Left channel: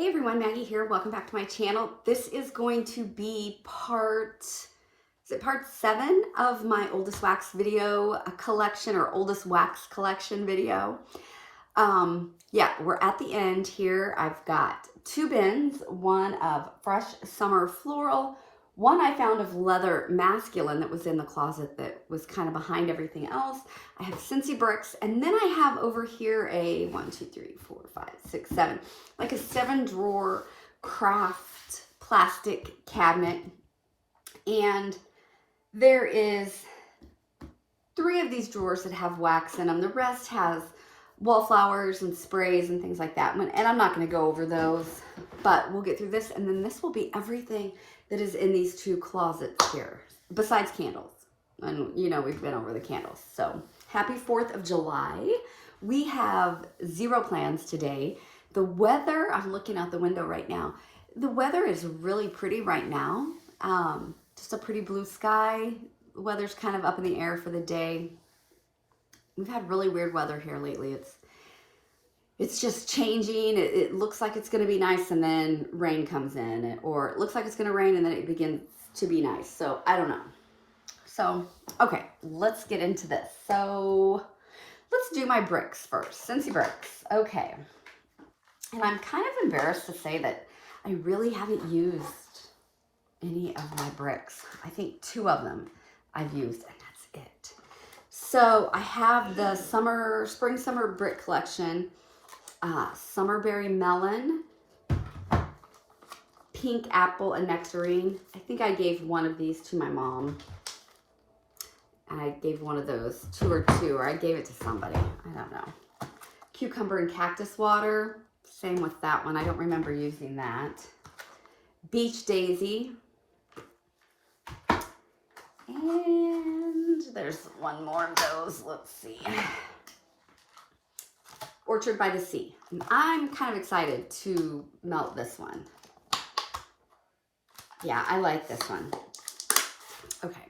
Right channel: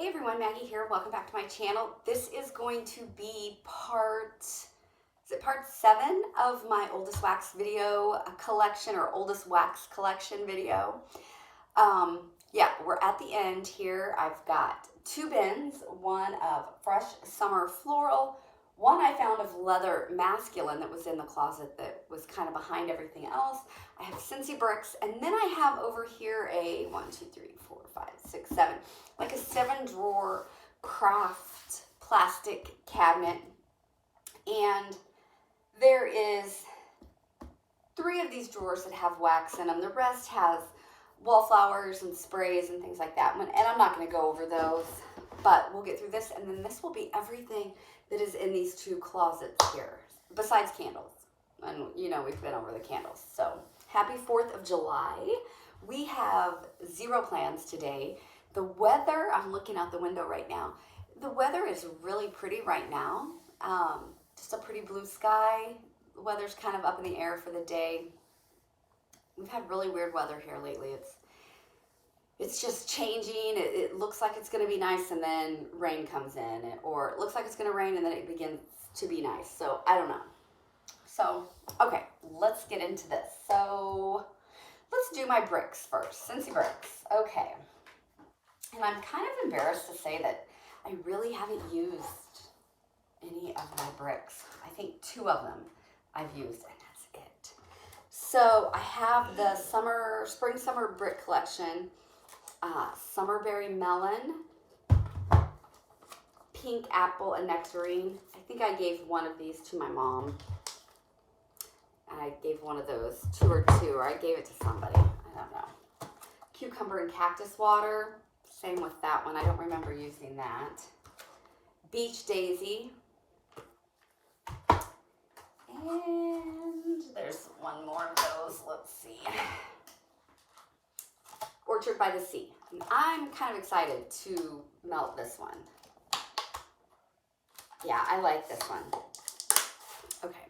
Hey everyone, Maggie here. Welcome back to my channel. This is going to be part 7 of my oldest wax video collection or oldest wax collection video. Yeah, we're at the end here. I've got 2 bins, one of fresh summer floral, one I found of leather masculine that was in the closet that was kind of behind everything else. I have Scentsy bricks, and then I have over here a 1, 2, 3, 4, 5, 6, 7, like a 7-drawer craft plastic cabinet. And there is 3 of these drawers that have wax in them. The rest has wallflowers and sprays and things like that. And I'm not going to go over those, but we'll get through this. And then this will be everything that is in these 2 closets here, besides candles. And you know, we've been over the candles. So happy 4th of July. We have 0 plans today. The weather, I'm looking out the window right now. The weather is really pretty right now. Just a pretty blue sky. The weather's kind of up in the air for the day. We've had really weird weather here lately. It's just changing. It looks like it's going to be nice and then rain comes in, or it looks like it's going to rain and then it begins to be nice. So I don't know. So, okay, let's get into this. So let's do my bricks first. Scentsy bricks. Okay. And I'm kind of embarrassed to say that I really haven't used any of my bricks. I think 2 of them I've used, and that's it. So I have the spring summer brick collection, Summerberry Melon, Pink Apple, and Nectarine. I think I gave one of these to my mom. I gave one of those, 2 or I gave it to somebody. I don't know. Cucumber and Cactus Water. Same with that one. I don't remember using that. Beach Daisy. And there's one more of those. Let's see. Orchard by the Sea. And I'm kind of excited to melt this one. Yeah, I like this one. Okay.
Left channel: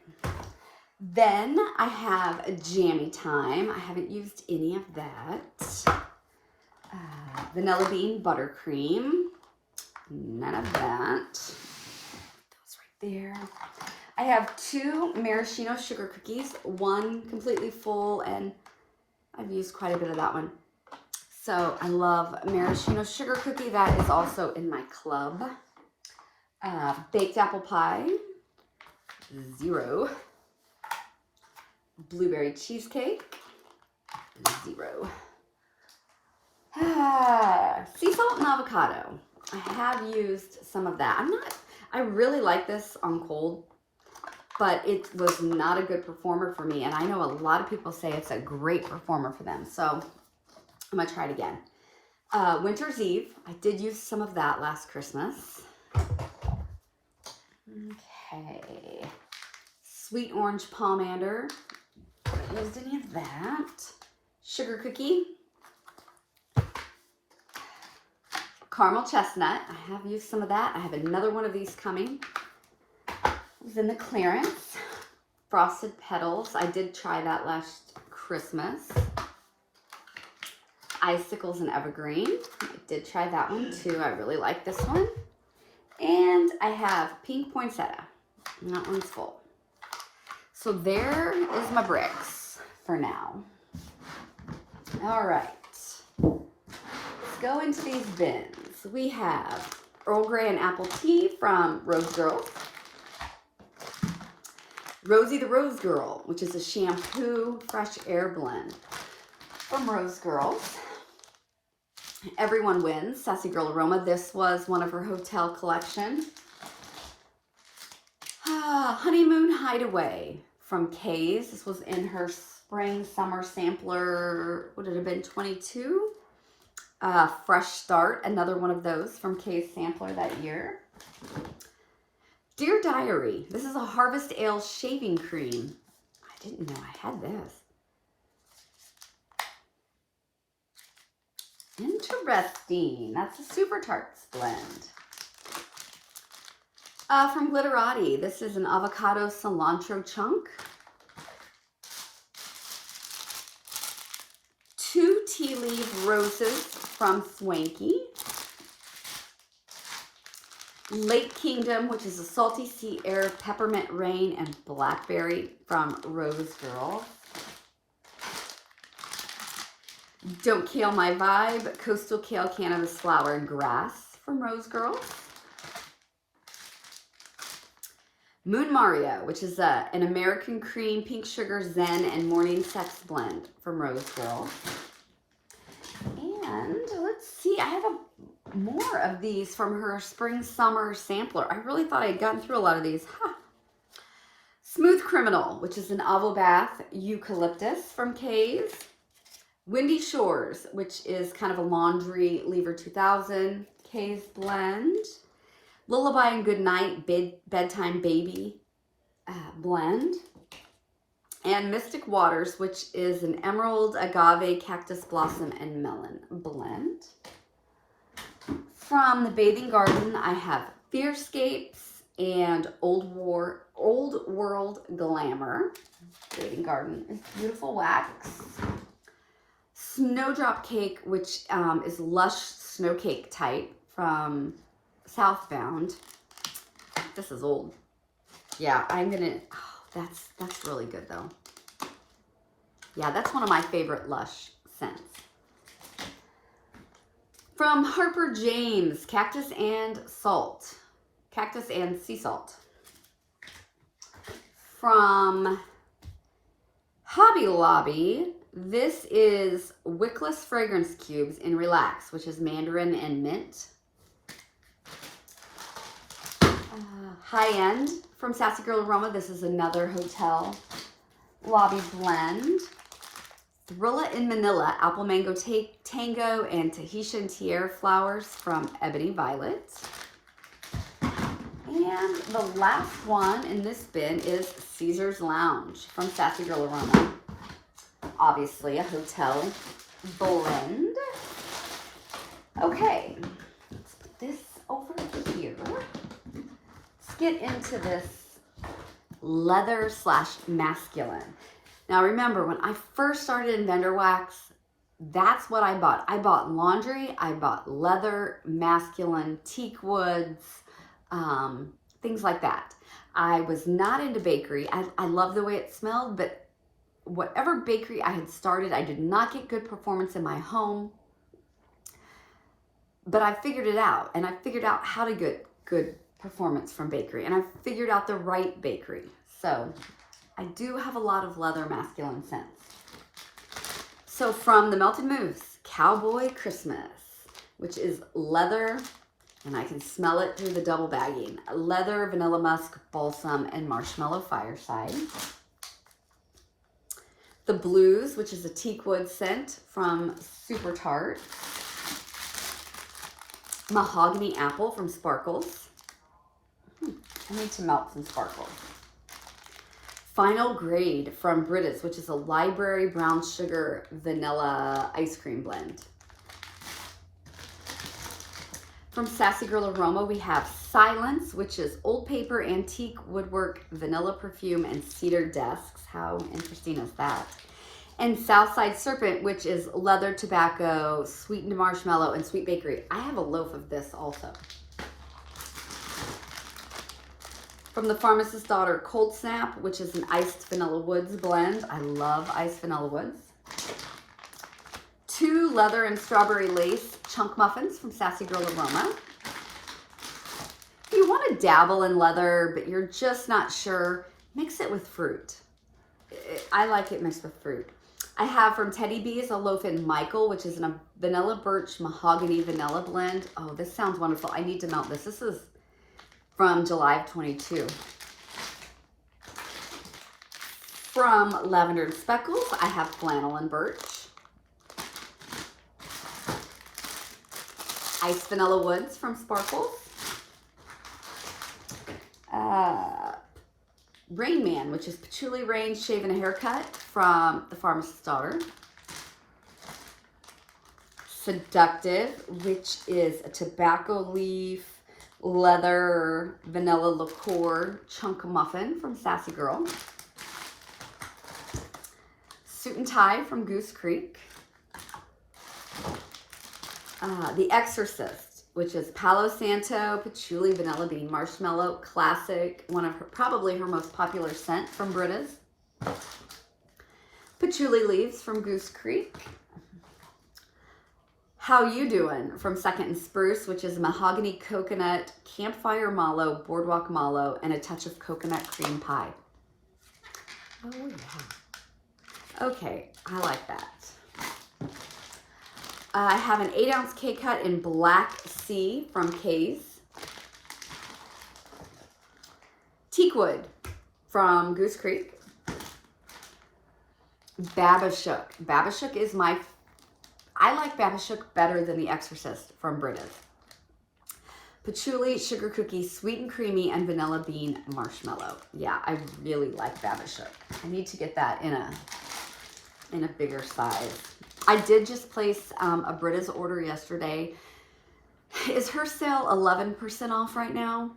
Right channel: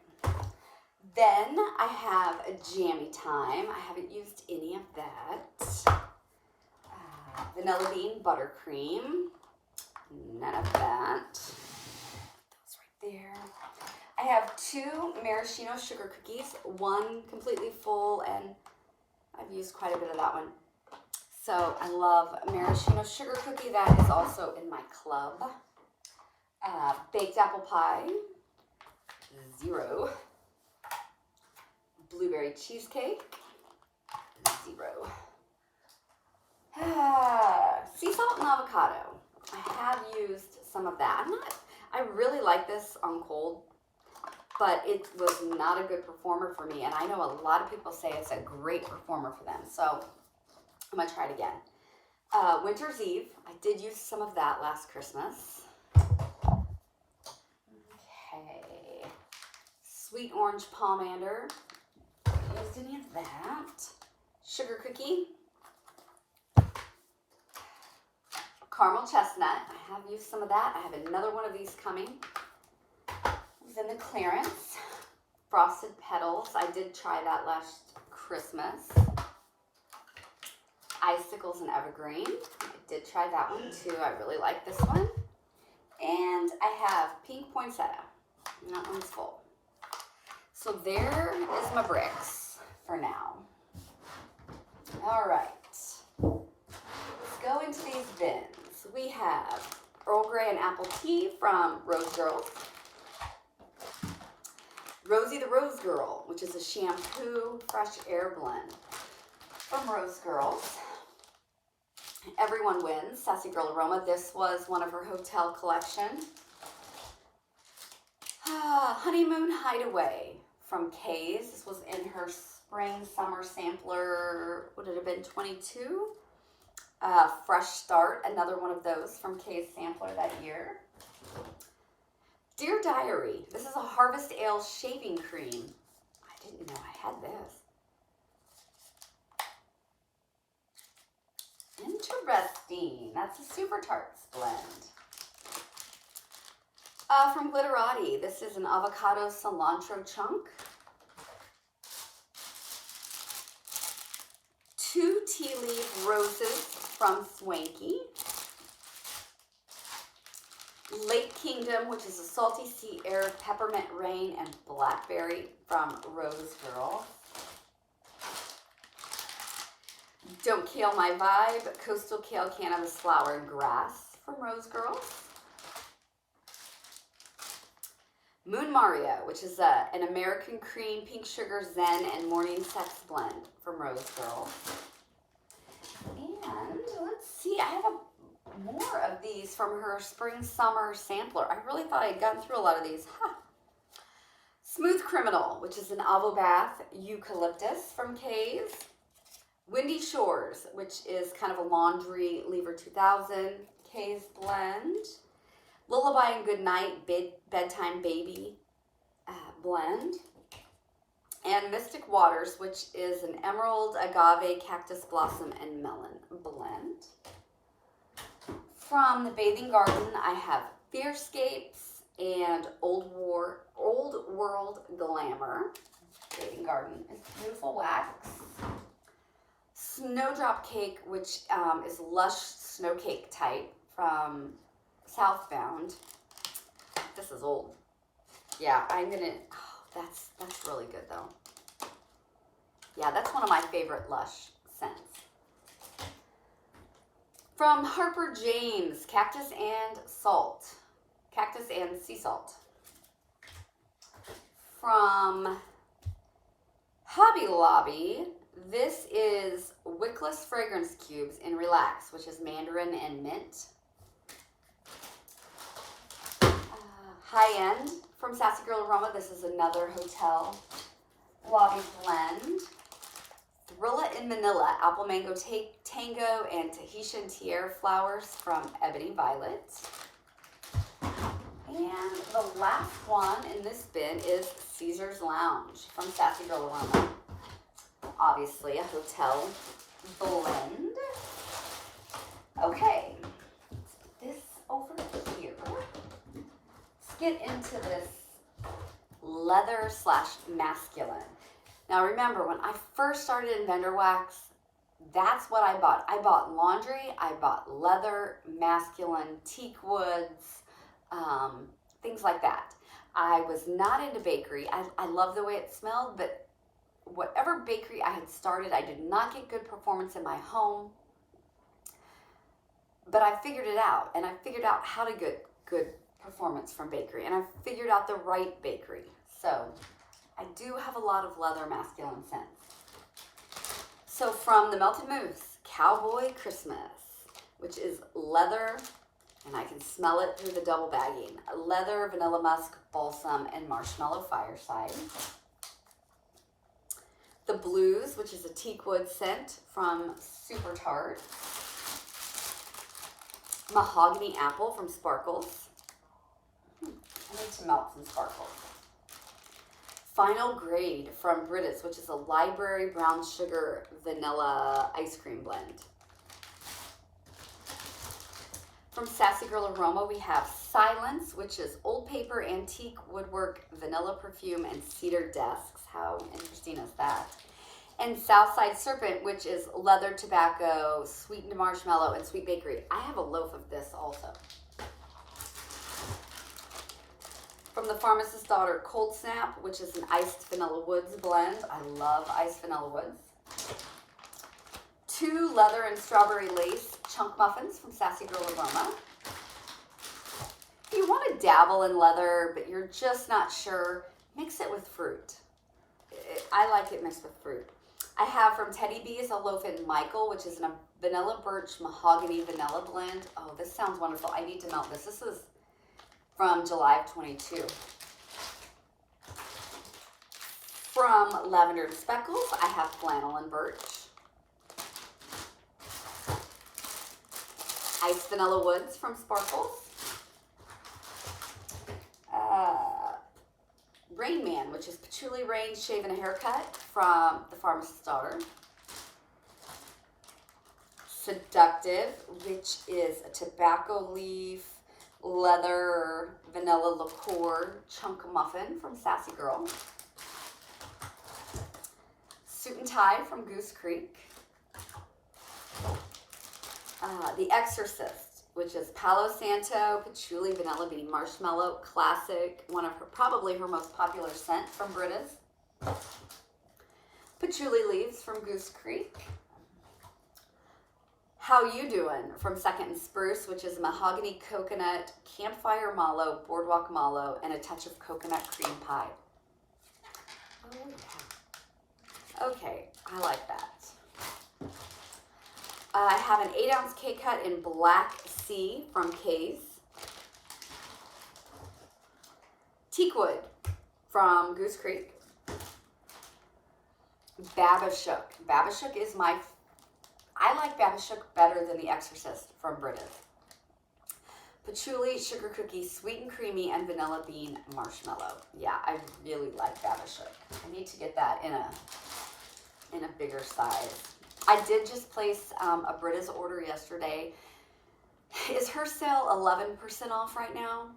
Then I have a Jammy Time. I haven't used any of that. Vanilla Bean Buttercream. None of that. Those right there. I have 2 maraschino sugar cookies. One completely full, and I've used quite a bit of that one. So I love maraschino sugar cookie. That is also in my club. Baked apple pie. 0. Blueberry cheesecake. 0. Sea salt and avocado. I have used some of that. I really like this on cold, but it was not a good performer for me. And I know a lot of people say it's a great performer for them. So I'm going to try it again. Winter's Eve. I did use some of that last Christmas. Okay. Sweet orange pomander. Haven't used any of that. Sugar cookie. Caramel chestnut. I have used some of that. I have another one of these coming. It was in the clearance. Frosted petals. I did try that last Christmas. Icicles and evergreen. I did try that one too. I really like this one. And I have pink poinsettia. And that one's full. So there is my bricks for now. All right. Let's go into these bins. We have Earl Grey and Apple Tea from Rose Girl. Rosie the Rose Girl, which is a shampoo fresh air blend from Rose Girls. Everyone Wins, Sassy Girl Aroma. This was one of her hotel collection. Honeymoon Hideaway from Kay's. This was in her spring summer sampler. Would it have been 22? Fresh Start, another one of those from Kay's sampler that year. Dear Diary. This is a Harvest Ale shaving cream. I didn't know I had this. Interesting. That's a Super Tarts blend. From Glitterati, this is an avocado cilantro chunk. 2 tea leaf roses from Swanky. Lake Kingdom, which is a salty sea air, peppermint rain, and blackberry from Rose Girl. Don't Kill My Vibe, coastal kale, cannabis flower, and grass from Rose Girl. Moon Mario, which is an American cream, pink sugar, zen, and morning sex blend from Rose Girl. And let's see, I have more of these from her spring summer sampler. I really thought I had gotten through a lot of these. Huh. Smooth Criminal, which is an Avo Bath eucalyptus from K's. Windy Shores, which is kind of a laundry lever 2000 K's blend. Lullaby and Goodnight bedtime baby blend. And Mystic Waters, which is an emerald, agave, cactus blossom, and melon blend. From the Bathing Garden, I have Fearscapes and Old World Glamour. Bathing Garden is beautiful wax. Snowdrop Cake, which is lush snow cake type from Southbound. This is old. Yeah, I'm gonna, oh, that's really good though. Yeah, that's one of my favorite Lush scents. From Harper James, Cactus and Salt. Cactus and Sea Salt. From Hobby Lobby, this is Wickless Fragrance Cubes in Relax, which is mandarin and mint. High End from Sassy Girl Aroma. This is another hotel lobby blend. Thrilla in Manila, Apple Mango Tango, and Tahitian Tiare Flowers from Ebony Violet. And the last one in this bin is Caesar's Lounge from Sassy Girl Aroma. Obviously a hotel blend. Okay, let's put this over here. Let's get into this leather / masculine. Now remember, when I first started in vendor wax, that's what I bought. I bought laundry, I bought leather, masculine, teak woods, things like that. I was not into bakery. I love the way it smelled, but whatever bakery I had started, I did not get good performance in my home. But I figured it out, and I figured out how to get good performance from bakery, and I figured out the right bakery. So I do have a lot of leather masculine scents. So from the Melted Mousse, Cowboy Christmas, which is leather, and I can smell it through the double bagging. Leather, vanilla musk, balsam, and marshmallow fireside. The Blues, which is a teak wood scent from Super Tart. Mahogany Apple from Sparkles. I need to melt some Sparkles. Final Grade from Brita's, which is a library brown sugar vanilla ice cream blend. From Sassy Girl Aroma, we have Silence, which is old paper, antique woodwork, vanilla perfume, and cedar desks. How interesting is that? And Southside Serpent, which is leather, tobacco, sweetened marshmallow, and sweet bakery. I have a loaf of this also. From the Pharmacist's Daughter, Cold Snap, which is an iced vanilla woods blend. I love iced vanilla woods. 2 leather and strawberry lace chunk muffins from Sassy Girl Aroma. If you want to dabble in leather, but you're just not sure, mix it with fruit. I like it mixed with fruit. I have from Teddy Bees a loaf in Michael, which is a vanilla birch mahogany vanilla blend. Oh, this sounds wonderful. I need to melt this. This is from July of 22. From Lavender and Speckles, I have Flannel and Birch. Ice Vanilla Woods from Sparkles. Rain Man, which is Patchouli Rain Shave and a Haircut from the Pharmacist's Daughter. Seductive, which is a tobacco leaf, leather, vanilla liqueur chunk muffin from Sassy Girl. Suit and Tie from Goose Creek. The Exorcist, which is Palo Santo, Patchouli, Vanilla Bean, Marshmallow, Classic, one of her, probably her most popular scent from Britta's. Patchouli Leaves from Goose Creek. How You Doing from Second and Spruce, which is Mahogany Coconut, Campfire Mallow, Boardwalk Mallow, and a touch of coconut cream pie. Oh yeah. Okay, I like that. I have an 8-ounce K-Cut in Black Sea from Kay's. Teakwood from Goose Creek. Babashook. Babashook is I like Babashook better than The Exorcist from Britta's. Patchouli, Sugar Cookie, Sweet and Creamy, and Vanilla Bean Marshmallow. Yeah, I really like Babashook. I need to get that in a bigger size. I did just place a Britta's order yesterday. Is her sale 11% off right now?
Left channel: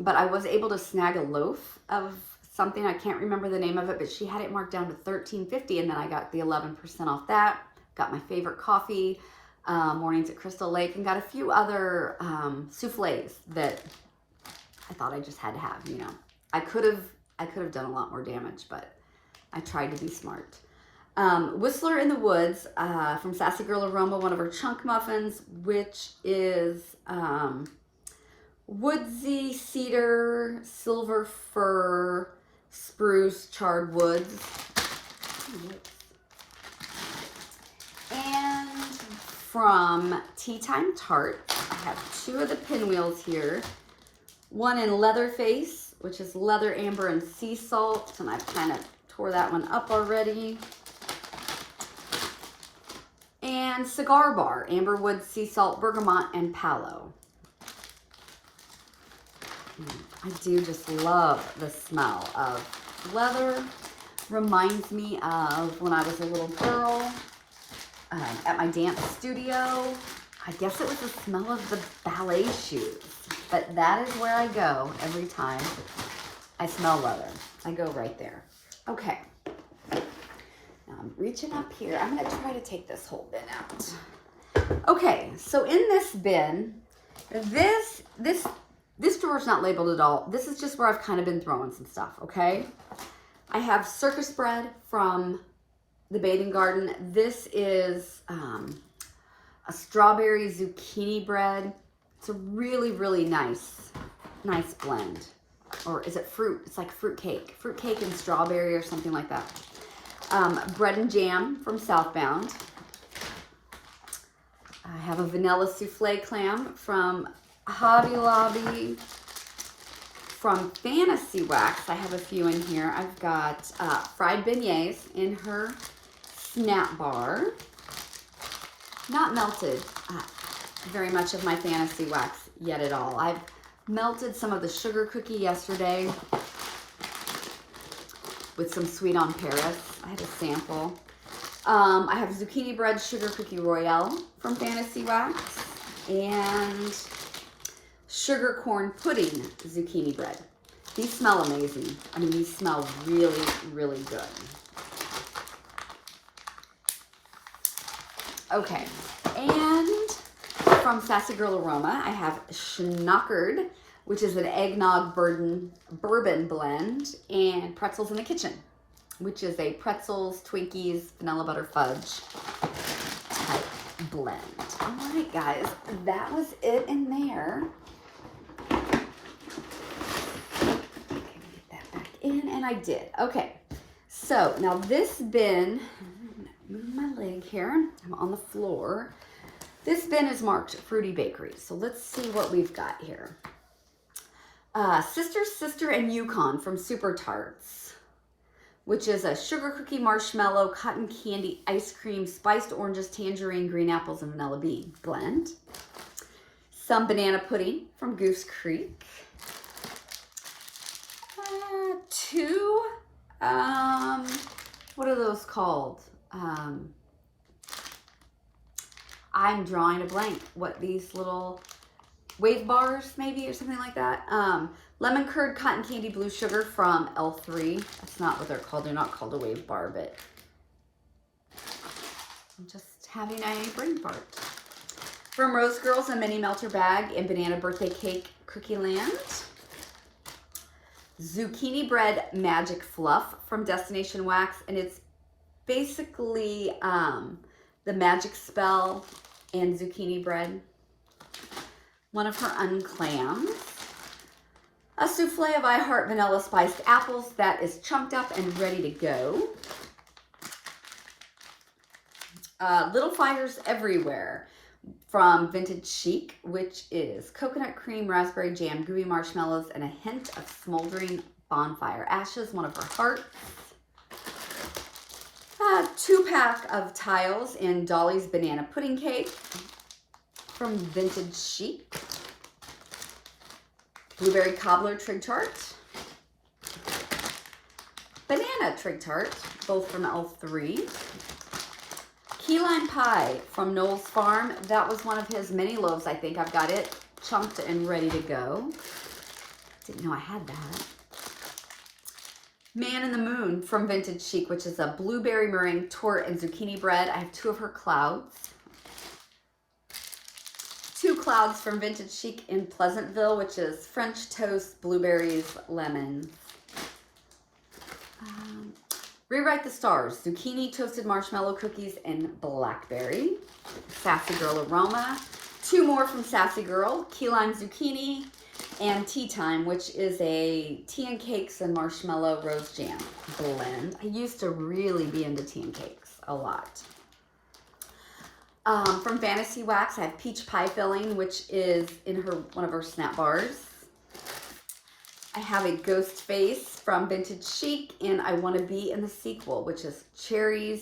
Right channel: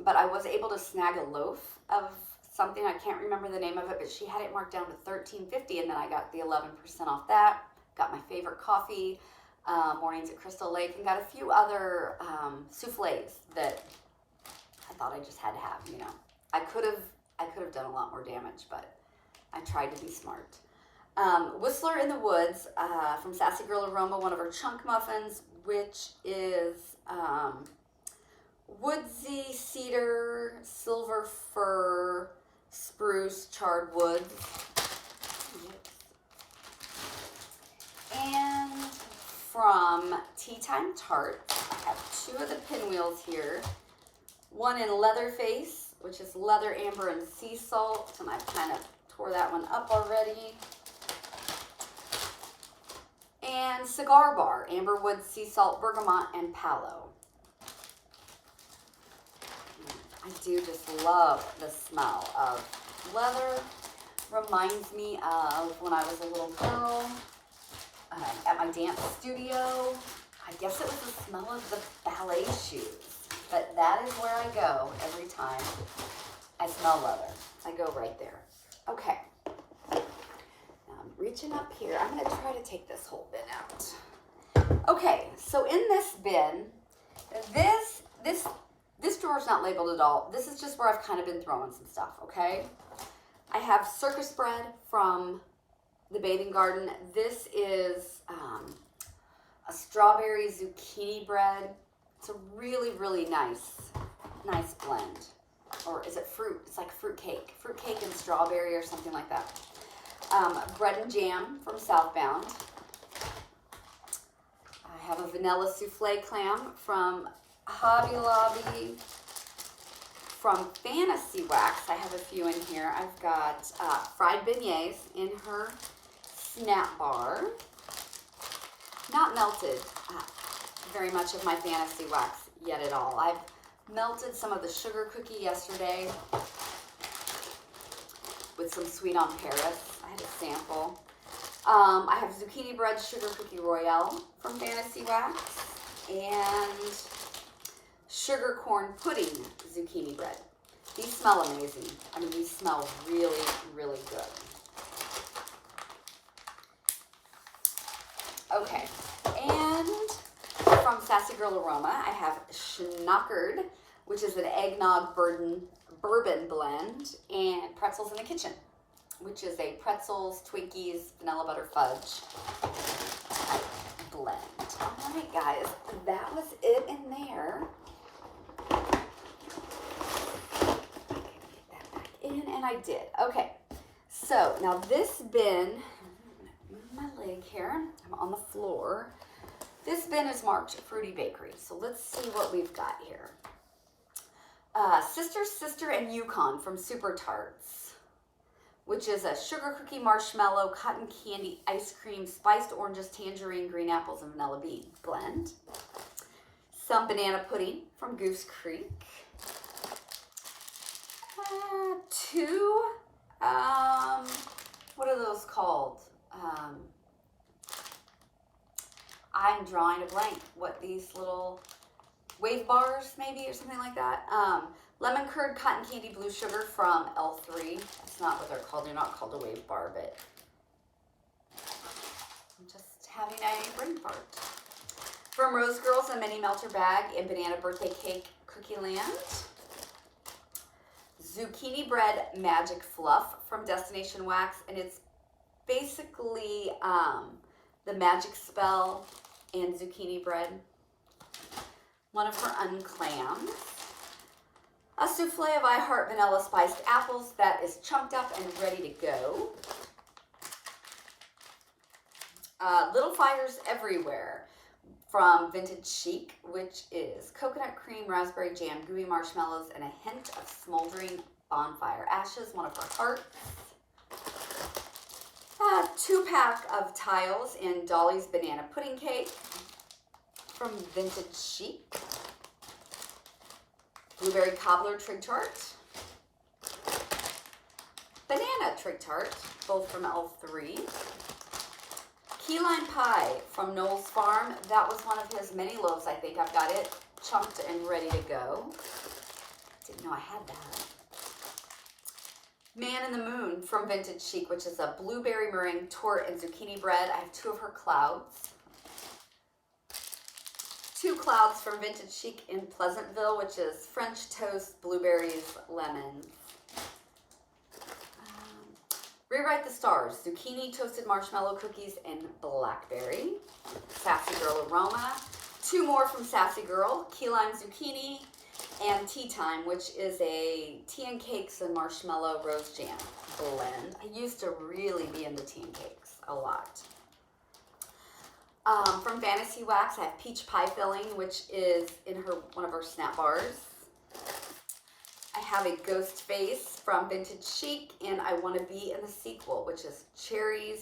But I was able to snag a loaf of something. I can't remember the name of it, but she had it marked down to $13.50, and then I got the 11% off that. Got my favorite coffee, Mornings at Crystal Lake, and got a few other souffles that I thought I just had to have, you know. I could have done a lot more damage, but I tried to be smart. Whistler in the Woods from Sassy Girl Aroma, one of her chunk muffins, which is woodsy cedar, silver fir, spruce, charred woods. And from Tea Time Tart, I have 2 of the pinwheels here. One in Leatherface, which is leather, amber, and sea salt, and I've kind of tore that one up already. And Cigar Bar, amberwood, sea salt, bergamot, and palo. I do just love the smell of leather. Reminds me of when I was a little girl at my dance studio. I guess it was the smell of the ballet shoes, but that is where I go every time I smell leather. I go right there. Okay. Now I'm reaching up here. I'm going to try to take this whole bin out. Okay, so in this bin, this drawer's not labeled at all. This is just where I've kind of been throwing some stuff, okay? I have circus bread from the Bathing Garden. This is a strawberry zucchini bread. It's a really, really nice blend. Or is it fruit? It's like fruit cake and strawberry or something like that. Bread and jam from Southbound. I have a vanilla souffle clam from Hobby Lobby. From Fantasy Wax, I have a few in here. I've got fried beignets in her snap bar. Not melted very much of my Fantasy Wax yet at all. I've melted some of the sugar cookie yesterday with some Sweet on Paris. I had a sample. I have zucchini bread sugar cookie royale from Fantasy Wax and sugar corn pudding zucchini bread. These smell amazing. I mean, these smell really, really good. Okay, and from Sassy Girl Aroma, I have Schnockered, which is an eggnog bourbon blend, and Pretzels in the Kitchen, which is a pretzels, Twinkies, vanilla butter fudge type blend. All right, guys, that was it in there. Get that back in, and I did. Okay, so now this bin, move my leg here. I'm on the floor. This bin is marked Fruity Bakery. So let's see what we've got here. Sister, and Yukon from Super Tarts, which is a sugar cookie, marshmallow, cotton candy, ice cream, spiced oranges, tangerine, green apples, and vanilla bean blend. Some banana pudding from Goose Creek. 2, what are those called? I'm drawing a blank. What, these little wave bars maybe or something like that? Lemon curd, cotton candy, blue sugar from L3. That's not what they're called. They're not called a wave bar, but I'm just having a brain fart. From Rose Girls, a mini melter bag in Banana Birthday Cake Cookie Land. Zucchini Bread Magic Fluff from Destination Wax, and it's basically the magic spell and zucchini bread. One of her unclams. A souffle of I Heart Vanilla Spiced Apples that is chunked up and ready to go. Little Fires Everywhere from Vintage Chic, which is coconut cream, raspberry jam, gooey marshmallows, and a hint of smoldering bonfire ashes, one of her hearts. 2-pack of tiles in Dolly's Banana Pudding Cake from Vintage Chic. Blueberry Cobbler Trig Tart. Banana Trig Tart, both from L3. Key Lime Pie from Noel's Farm. That was one of his mini loaves, I think. I've got it chunked and ready to go. Didn't know I had that. Man in the Moon from Vintage Chic, which is a blueberry meringue torte and zucchini bread. I have 2 of her clouds. 2 clouds from Vintage Chic in Pleasantville, which is French toast, blueberries, lemon. Rewrite the Stars, zucchini toasted marshmallow cookies and blackberry. Sassy Girl Aroma. 2 more from Sassy Girl, key lime zucchini and Tea Time, which is a tea and cakes and marshmallow rose jam blend. I used to really be into tea and cakes a lot. From Fantasy Wax, I have peach pie filling, which is in one of her snap bars. I have a ghost face from Vintage Chic, and I Want to Be in the Sequel, which is cherry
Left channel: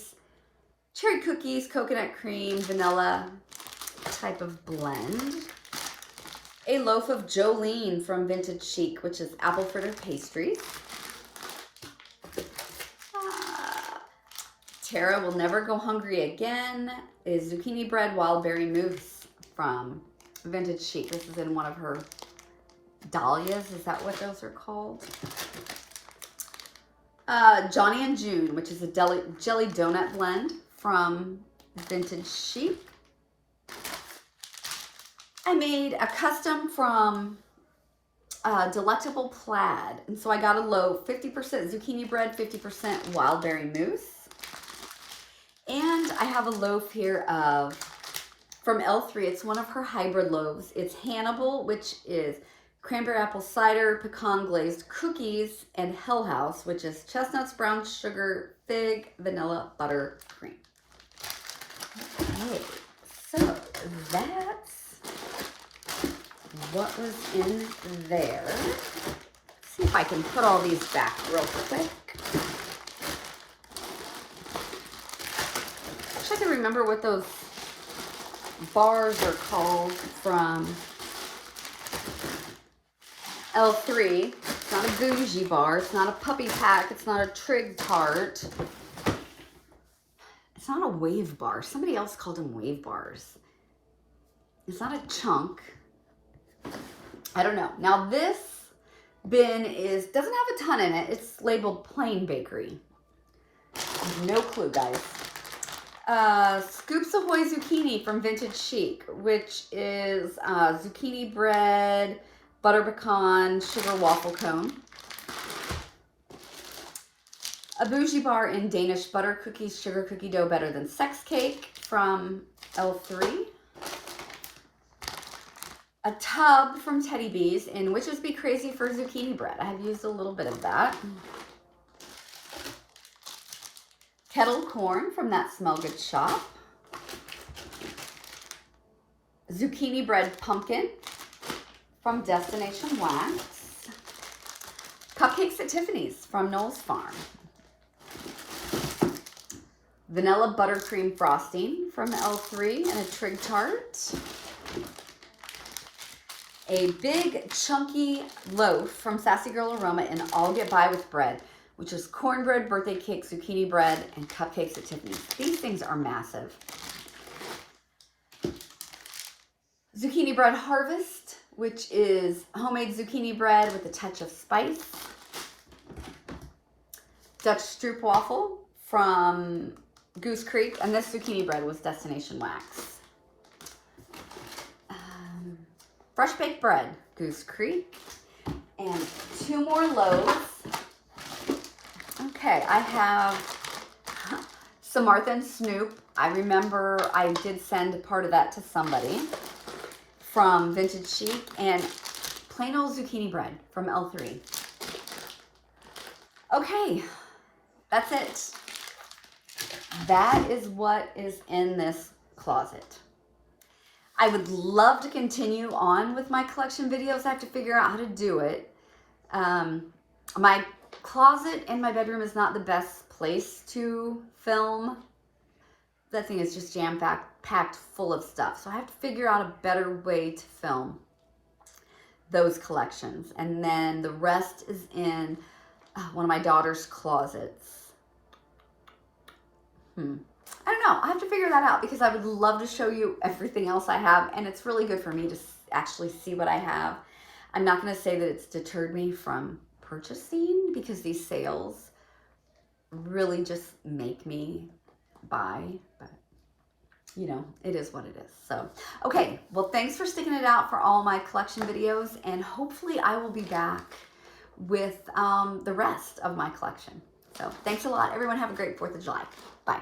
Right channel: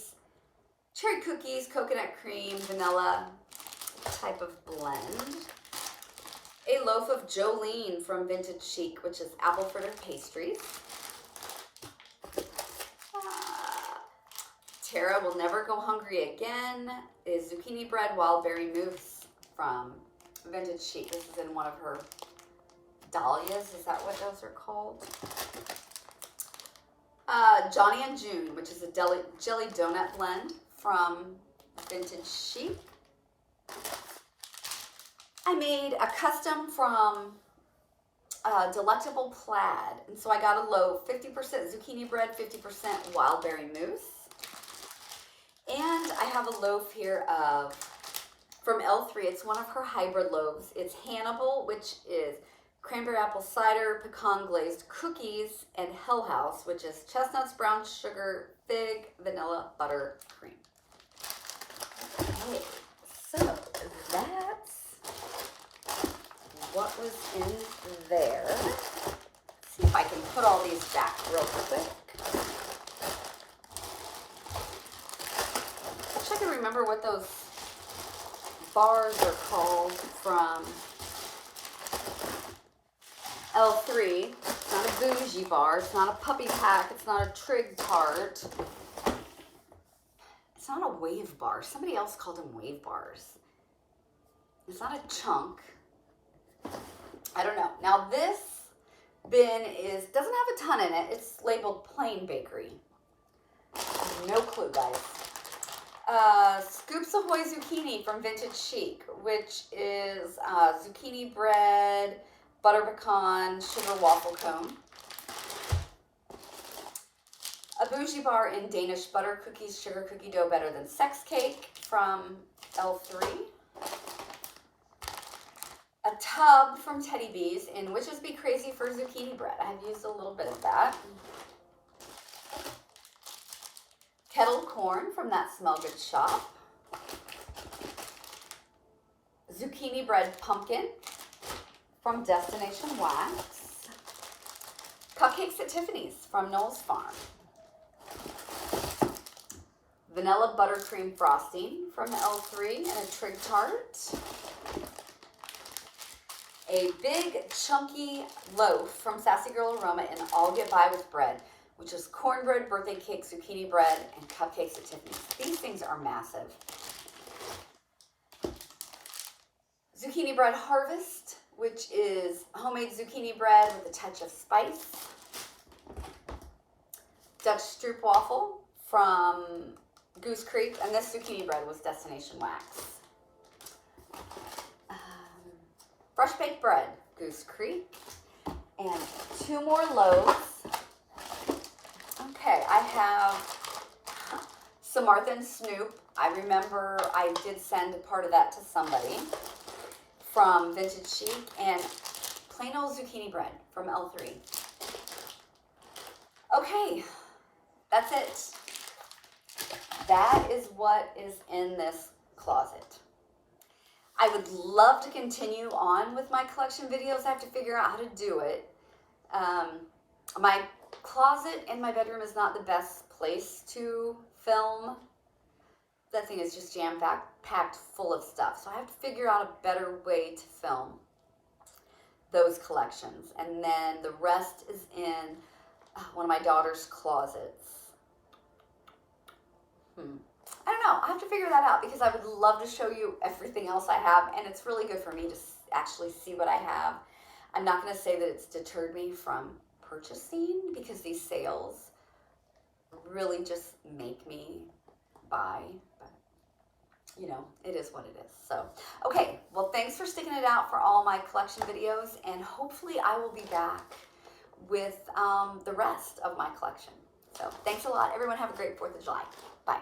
cookies, coconut cream, vanilla type of blend. A loaf of Jolene from Vintage Chic, which is apple fritter pastries. Tara Will Never Go Hungry Again is zucchini bread wild berry mousse from Vintage Chic. This is in one of her dahlias. Is that what those are called? Johnny and June, which is a jelly donut blend from Vintage Chic. I made a custom from Delectable Plaid. And so I got a loaf, 50% zucchini bread, 50% wild berry mousse. And I have a loaf here from L3. It's one of her hybrid loaves. It's Hannibal, which is cranberry apple cider, pecan glazed cookies, and Hell House, which is chestnuts, brown sugar, fig, vanilla, butter, cream. Okay, so that's what was in there. Let's see if I can put all these back real quick. I can remember what those bars are called from L3. It's not a bougie bar. It's not a puppy pack. It's not a trig tart. It's not a wave bar. Somebody else called them wave bars. It's not a chunk. I don't know. Now this bin doesn't have a ton in it. It's labeled plain bakery. No clue, guys. Scoops Ahoy Zucchini from Vintage Chic, which is zucchini bread, butter pecan, sugar waffle cone. A bougie bar in Danish butter cookies, sugar cookie dough better than sex cake from L3. A tub from Teddy Bees in Witches Be Crazy for zucchini bread. I have used a little bit of that. Kettle corn from That Smell Good shop. Zucchini bread pumpkin from Destination Wax. Cupcakes at Tiffany's from Noel's Farm. Vanilla buttercream frosting from L3 and a trig tart. A big chunky loaf from Sassy Girl Aroma in I'll Get By With Bread, which is cornbread, birthday cake, zucchini bread, and cupcakes at Tiffany's. These things are massive. Zucchini bread harvest, which is homemade zucchini bread with a touch of spice. Dutch Stroop waffle from Goose Creek, and this zucchini bread was Destination Wax. fresh baked bread, Goose Creek, and 2 more loaves. Okay, I have some Martha and Snoop. I remember I did send part of that to somebody from Vintage Chic, and plain old zucchini bread from L3. Okay, that's it. That is what is in this closet. I would love to continue on with my collection videos. I have to figure out how to do it. My closet in my bedroom is not the best place to film. That thing is just jam-packed full of stuff. So I have to figure out a better way to film those collections. And then the rest is in one of my daughter's closets. I don't know. I have to figure that out because I would love to show you everything else I have. And it's really good for me to actually see what I have. I'm not going to say that it's deterred me from purchasing because these sales really just make me buy. But, you know, it is what it is. So, okay. Well, thanks for sticking it out for all my collection videos. And hopefully I will be back with the rest of my collection. So, thanks a lot. Everyone have a great 4th of July. Bye.